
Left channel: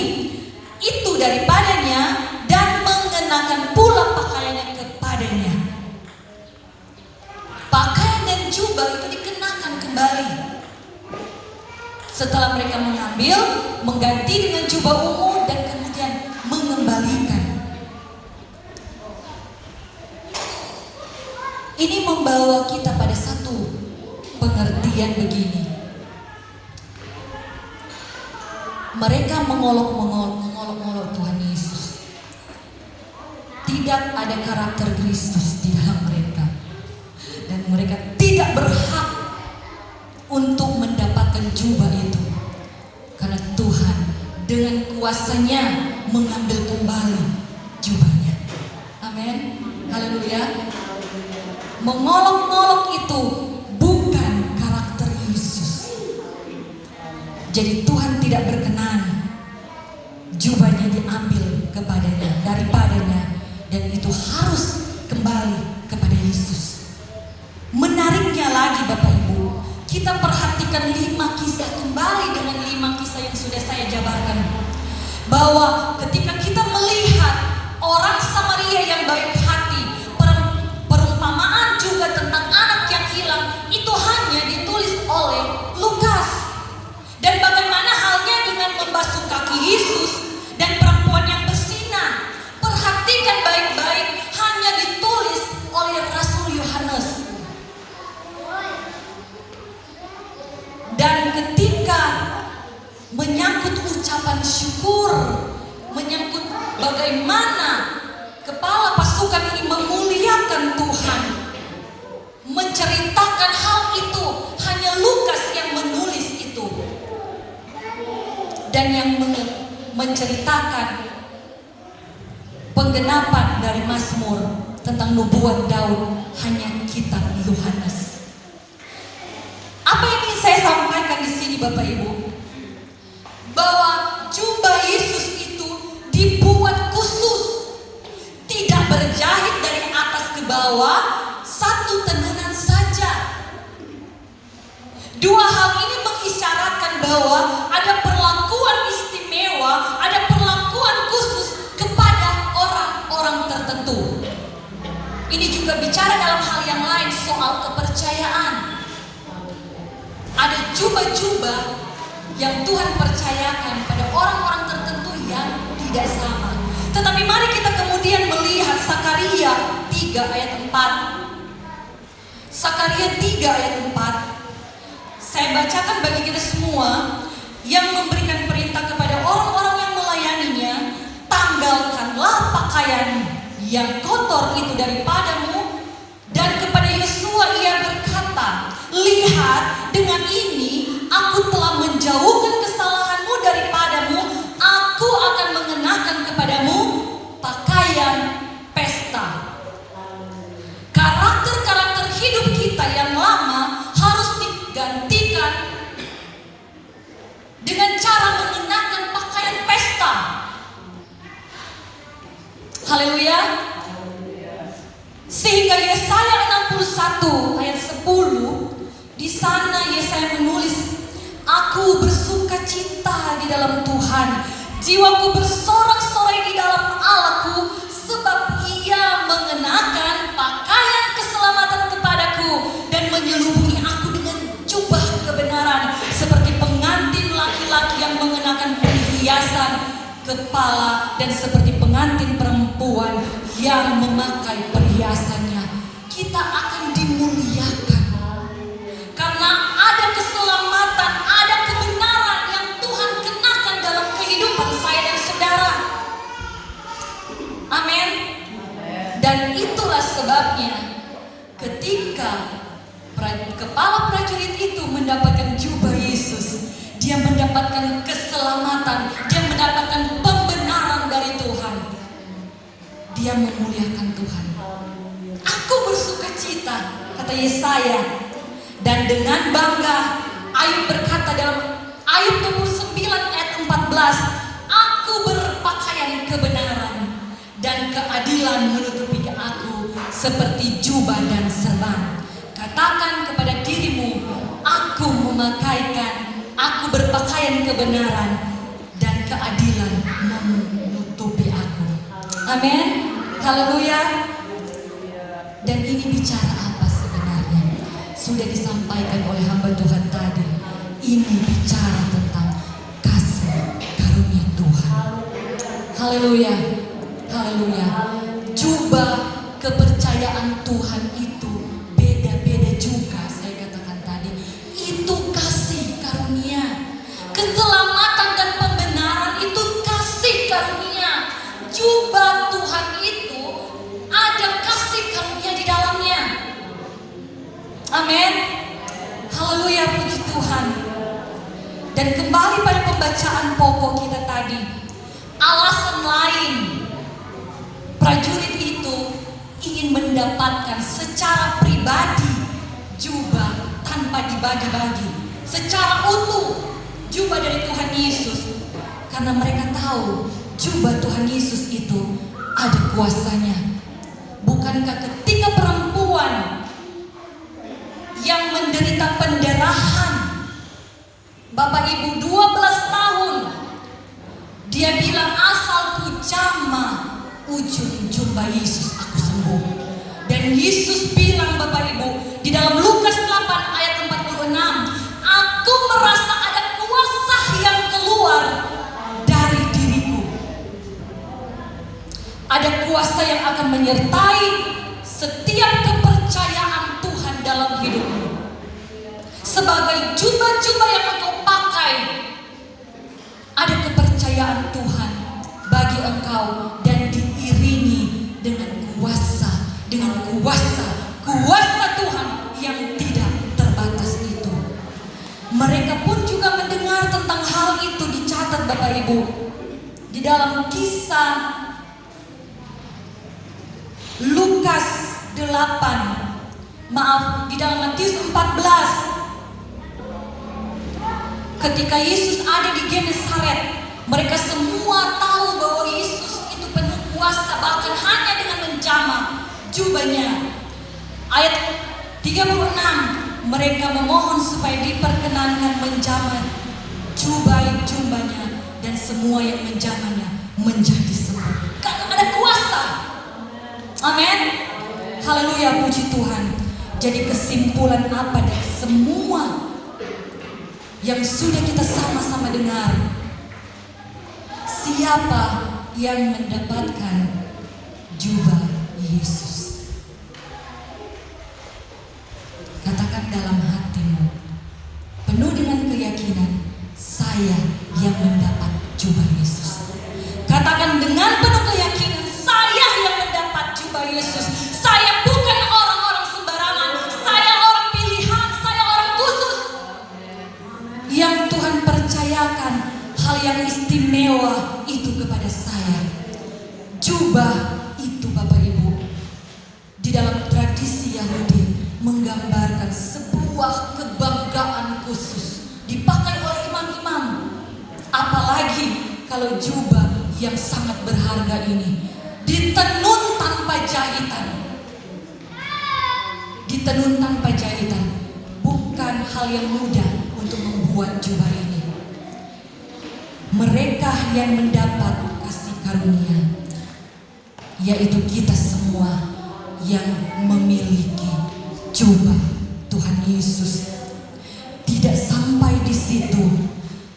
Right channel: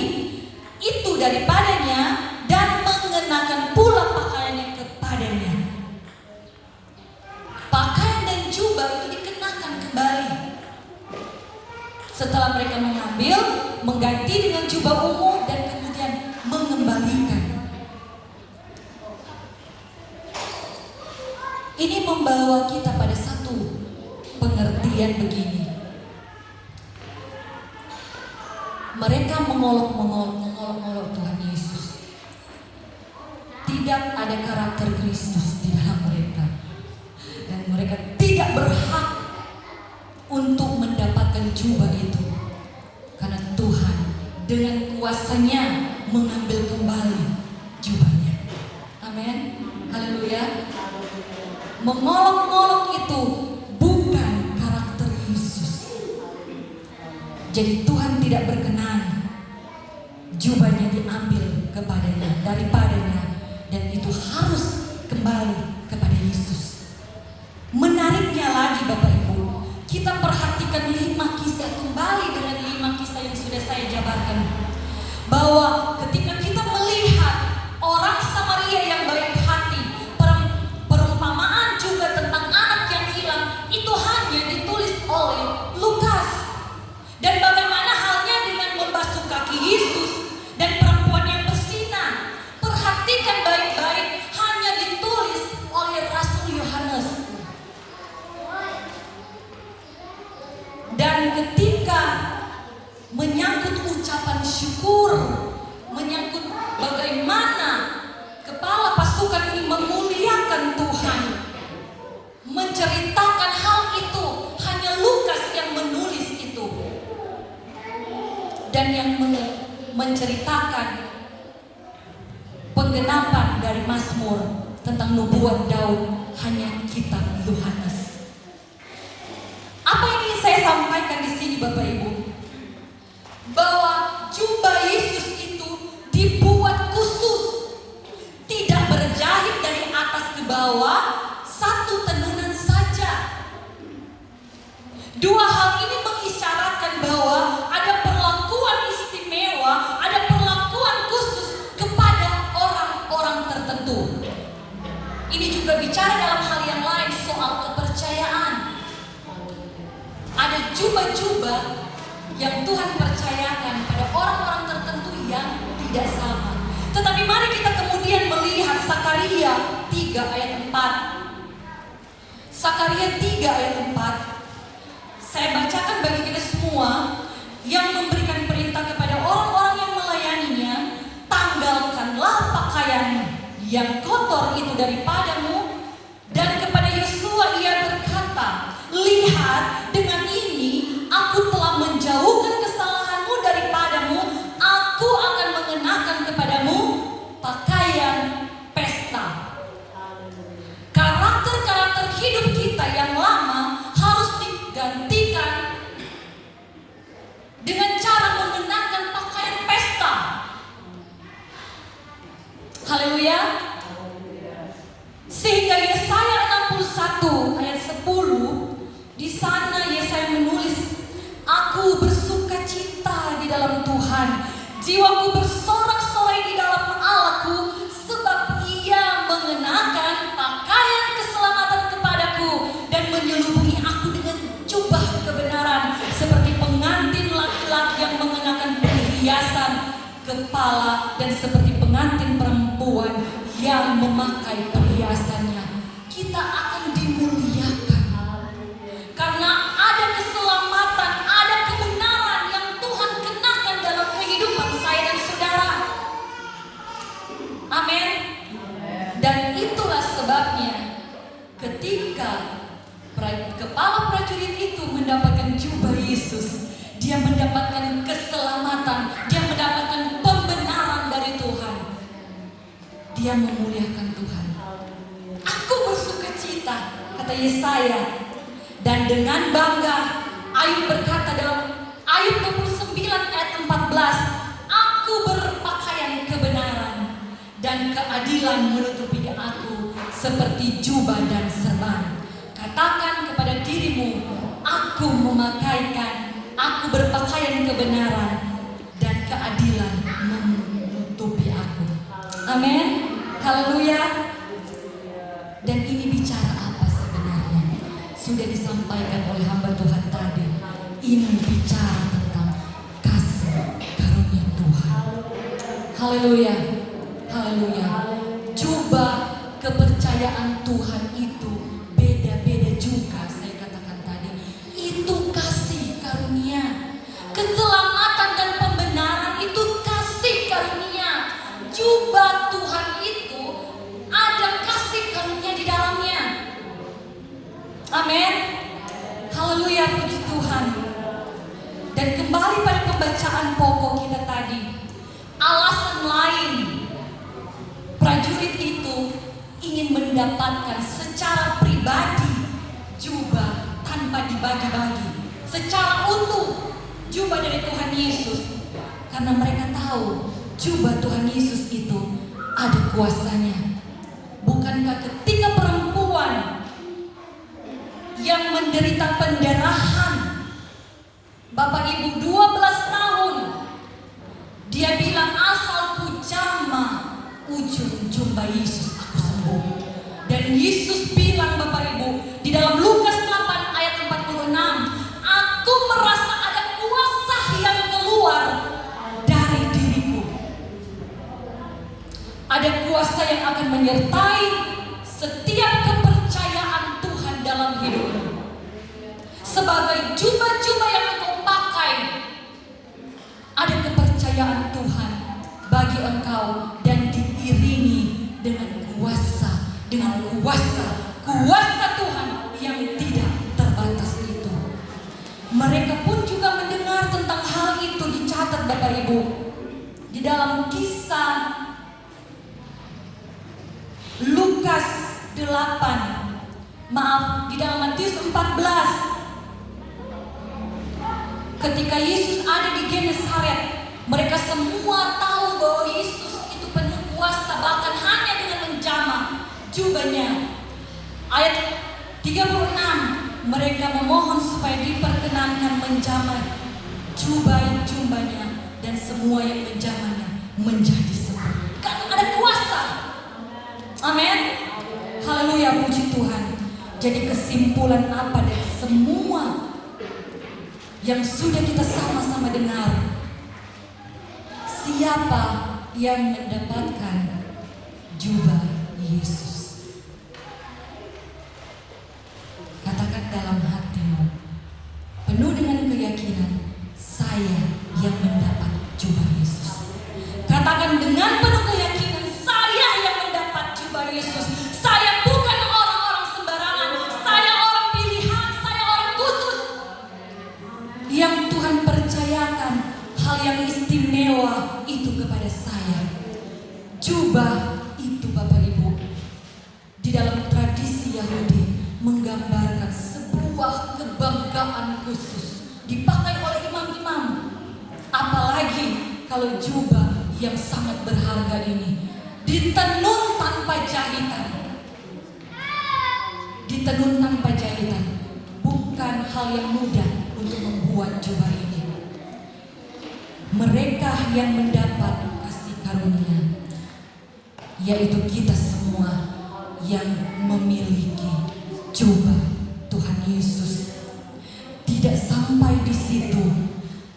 itu daripadanya dan mengenakan pula pakaiannya kepadanya. Pakaian dan jubah itu dikenakan kembali. Setelah mereka mengambil, mengganti dengan jubah ungu dan kemudian mengembalikan. Ini membawa kita pada satu pengertian begini. Mereka mengolok-olok Tuhan Yesus. Tidak ada karakter Kristus di dalam mereka. Dan mereka tidak berhak untuk mendapatkan jubah itu. Karena Tuhan dengan kuasanya mengambil kembali jubahnya. Amin. Haleluya. Mengolok-olok itu bukan karakter Yesus. Jadi Tuhan tidak berkenan jubahnya diambil kepadanya, daripadanya, dan itu harus kembali kepada Yesus. Menariknya lagi Bapak Ibu, kita perhatikan 5 kisah kembali dengan 5 kisah yang sudah saya jabarkan. Bahwa ketika kita melihat orang Samaria yang baik hati, perumpamaan juga tentang anak yang hilang itu hanya ditulis oleh Lukas. Dan bagaimana halnya dengan membasuh kaki Yesus dan perempuan yang bersinar? Perhatikan baik-baik, hanya ditulis oleh Rasul Yohanes. Dan ketika menyangkut ucapan syukur, menyangkut bagaimana kepala pasukan ini memuliakan Tuhan, menceritakan hal itu, hanya Lukas yang menulis itu. Dan yang menceritakan penggenapan dari Mazmur tentang nubuat Daud hanya kitab Yohanes. Apa yang ingin saya sampaikan di sini Bapak Ibu? Bahwa jubah Yesus itu dibuat khusus, tidak berjahit dari atas ke bawah, satu tenunan saja. Dua hal ini mengisyaratkan bahwa ada perlakuan istimewa, ada perlakuan khusus kepada orang-orang tertentu. Ini juga bicara dalam hal yang lain soal kepercayaan. Ada jubah-jubah yang Tuhan percayakan pada orang-orang tertentu yang tidak sama. Tetapi mari kita kemudian melihat Sakaria 3 ayat 4. Sakaria 3 ayat 4. Saya bacakan bagi kita semua yang memberikan perintah kepada orang-orang yang melayaninya, tanggalkanlah pakaian yang kotor itu daripadamu. Dan kepada Yosua ia berkata, lihat, dengan ini aku telah menjauhkan kesalahanmu daripadamu, aku akan mengenakan kepadamu pakaian pesta. Karakter-karakter hidup kita yang lama harus digantikan dengan cara mengenakan pakaian pesta. Haleluya. Sehingga Yesaya 61 ayat 10, di sana Yesaya menulis, aku bersuka cita di dalam Tuhan, jiwaku bersorak-sorai di dalam Allahku, sebab Ia mengenakan pakaian keselamatan kepadaku dan menyelubungi aku dengan jubah kebenaran, seperti pengantin laki-laki yang mengenakan perhiasan kepala dan seperti pengantin perempuan yang memakai perhiasannya. Kita akan dimuliakan karena ada keselamatan, ada kebenaran yang Tuhan kenakan dalam kehidupan saya dan saudara. Amin. Dan itulah sebabnya ketika kepala prajurit itu mendapatkan jubah Yesus, dia mendapatkan keselamatan, dia mendapatkan pembenaran dari Tuhan. Dia memuliakan Tuhan. Aku bersuka cita, kata Yesaya. Dan dengan bangga Ayub berkata dalam Ayub 29 ayat 14, aku berpakaian kebenaran dan keadilan menutupi aku seperti jubah dan serban. Katakan kepada dirimu, aku berpakaian kebenaran dan keadilan menutupi aku. Amin. Haleluya. Dan ini bicara apa sebenarnya? Sudah disampaikan oleh hamba Tuhan tadi. Ini bicara tentang kasih karunia Tuhan. Haleluya. Haleluya. Jubah kepercayaan Tuhan itu beda-beda juga, saya katakan tadi. Itu kasih karunia. Keselamatan dan pembenaran itu kasih karunia. Jubah Tuhan itu ada kasih karunia di dalamnya. Amin. Haleluya, puji Tuhan. Dan kembali pada pembacaan pokok kita tadi, alasan lain prajurit itu ingin mendapatkan secara pribadi jubah tanpa dibagi-bagi, secara utuh jubah dari Tuhan Yesus, karena mereka tahu jubah Tuhan Yesus itu ada kuasanya. Bukankah ketika perempuan yang menderita pendarahan, Bapak Ibu 12 tahun, dia bilang, asalku jamah ujung jubah Yesus aku sembuh. Dan Yesus bilang, Bapak Ibu, di dalam Lukas 8 ayat 46, aku merasa ada kuasa yang keluar dari diriku. Ada kuasa yang akan menyertai setiap kepercayaan Tuhan dalam hidupmu. Sebagai jubah-jubah yang engkau pakai, ada kepercayaan Tuhan bagi engkau dan diiringi dengan kuasa Tuhan yang tidak terbatas itu. Mereka pun juga mendengar tentang hal itu, dicatat Bapak Ibu di dalam kisah Lukas 8, di dalam Matius 14. Ketika Yesus ada di Genesaret, mereka semua tahu bahwa Yesus itu penuh kuasa, bahkan hanya dengan menjamah jubahnya. Ayat 36, mereka memohon supaya diperkenankan menjamah jubahnya, dan semua yang menjamahnya menjadi sembuh. Karena ada kuasa. Amin. Haleluya, puji Tuhan. Jadi kesimpulan apa dari semua yang sudah kita sama-sama dengar? Siapa yang mendapatkan jubah Yesus? Katakan dalam hatimu, penuh dengan keyakinan, saya yang mendapat jubah Yesus. Katakan dengan penuh keyakinan, saya yang mendapat jubah Yesus. Saya bukan orang-orang sembarangan, saya orang pilihan, saya orang khusus yang Tuhan percayakan hal yang istimewa itu kepada saya. Jubah itu Bapak Ibu, di dalam tradisi Yahudi menggambarkan sebuah kebanggaan khusus dipakai oleh imam-imam. Apalagi kalau jubah yang sangat berharga ini ditenun tanpa jahitan. Ditenun tanpa jahitan. Bukan hal yang mudah untuk membuat jubah ini. Mereka yang mendapat kasih karunia, yaitu kita semua yang memiliki jubah Tuhan Yesus. Tidak sampai di situ,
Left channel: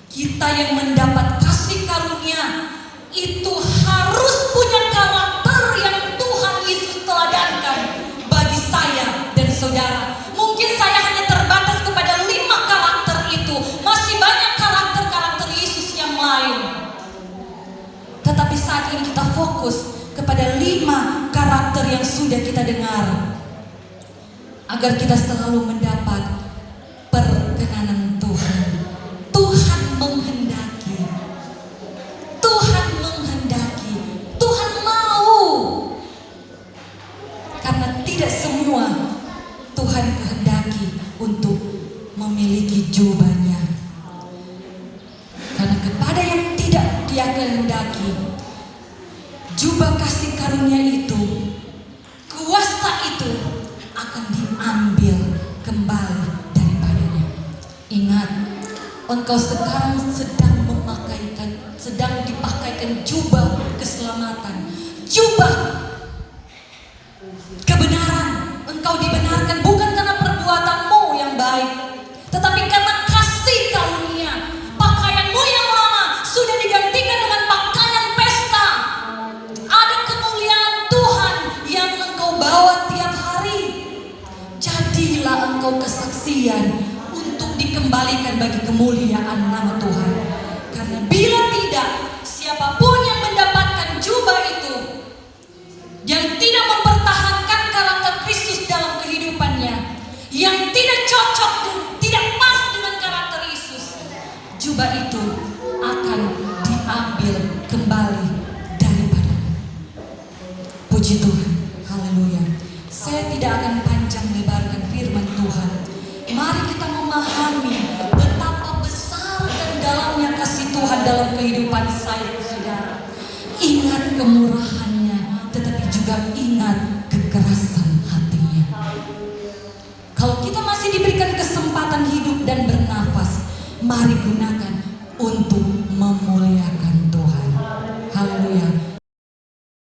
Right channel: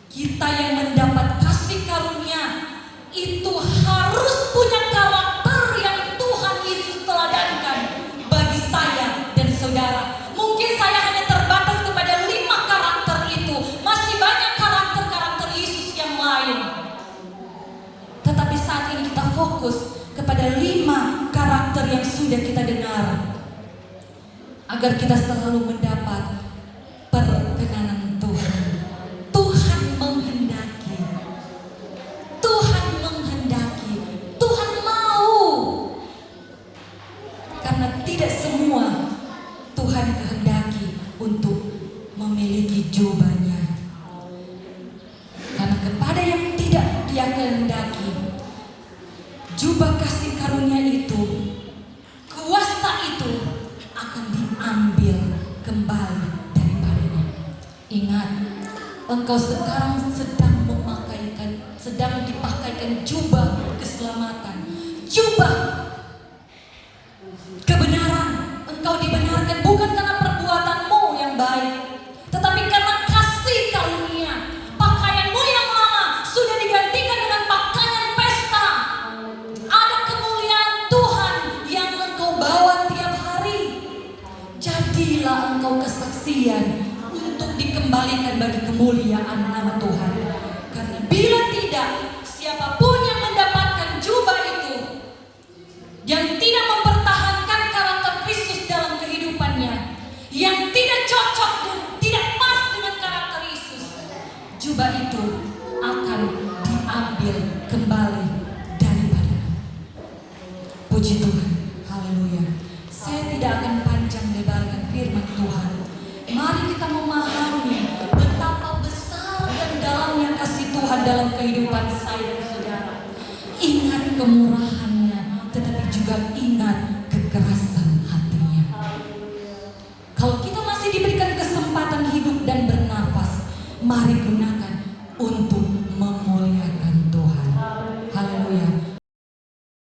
kita yang mendapat kasih karunia itu harus punya karakter yang Tuhan Yesus teladankan bagi saya dan saudara. Mungkin saya hanya terbatas kepada 5 karakter itu. Masih banyak karakter-karakter Yesus yang lain. Tetapi saat ini kita fokus kepada 5 karakter yang sudah kita dengar, agar kita selalu mendapat perkenanan Tuhan. Tuhan menghendaki, Tuhan menghendaki, Tuhan mau. Karena tidak semua Tuhan kehendaki untuk memiliki jubahnya. Karena kepada yang tidak Dia kehendaki, jubah kasih karunia itu, kuasa itu akan diambil kembali daripadanya. Ingat, engkau sekarang sedang dipakaikan jubah keselamatan, jubah kebenaran. Engkau dibenarkan bukan karena perbuatanmu yang baik, tetapi karena kasih karunia. Pakaianmu yang lama sudah digantikan dengan pakaian pesta. Ada kemuliaan Tuhan yang engkau bawa tiap hari. Jadilah engkau kesaksian untuk dikembalikan bagi kemuliaan nama Tuhan. Karena bila tidak, siapapun yang mendapatkan jubah itu, yang tidak mempertahankan karakter Kristus dalam kehidupannya, yang tidak cocok dan tidak pas dengan karakter Yesus, jubah itu akan diambil kembali daripadanya. Puji Tuhan, haleluya. Saya tidak akan panjang lebarkan firman Tuhan. Mari kita memahami betapa besar dan dalamnya kasih Tuhan dalam kehidupan saya dan saudara. Ingat kemurahannya, tetapi juga ingat kekerasan hatinya. Kalau kita masih diberikan kesempatan hidup dan bernafas, mari gunakan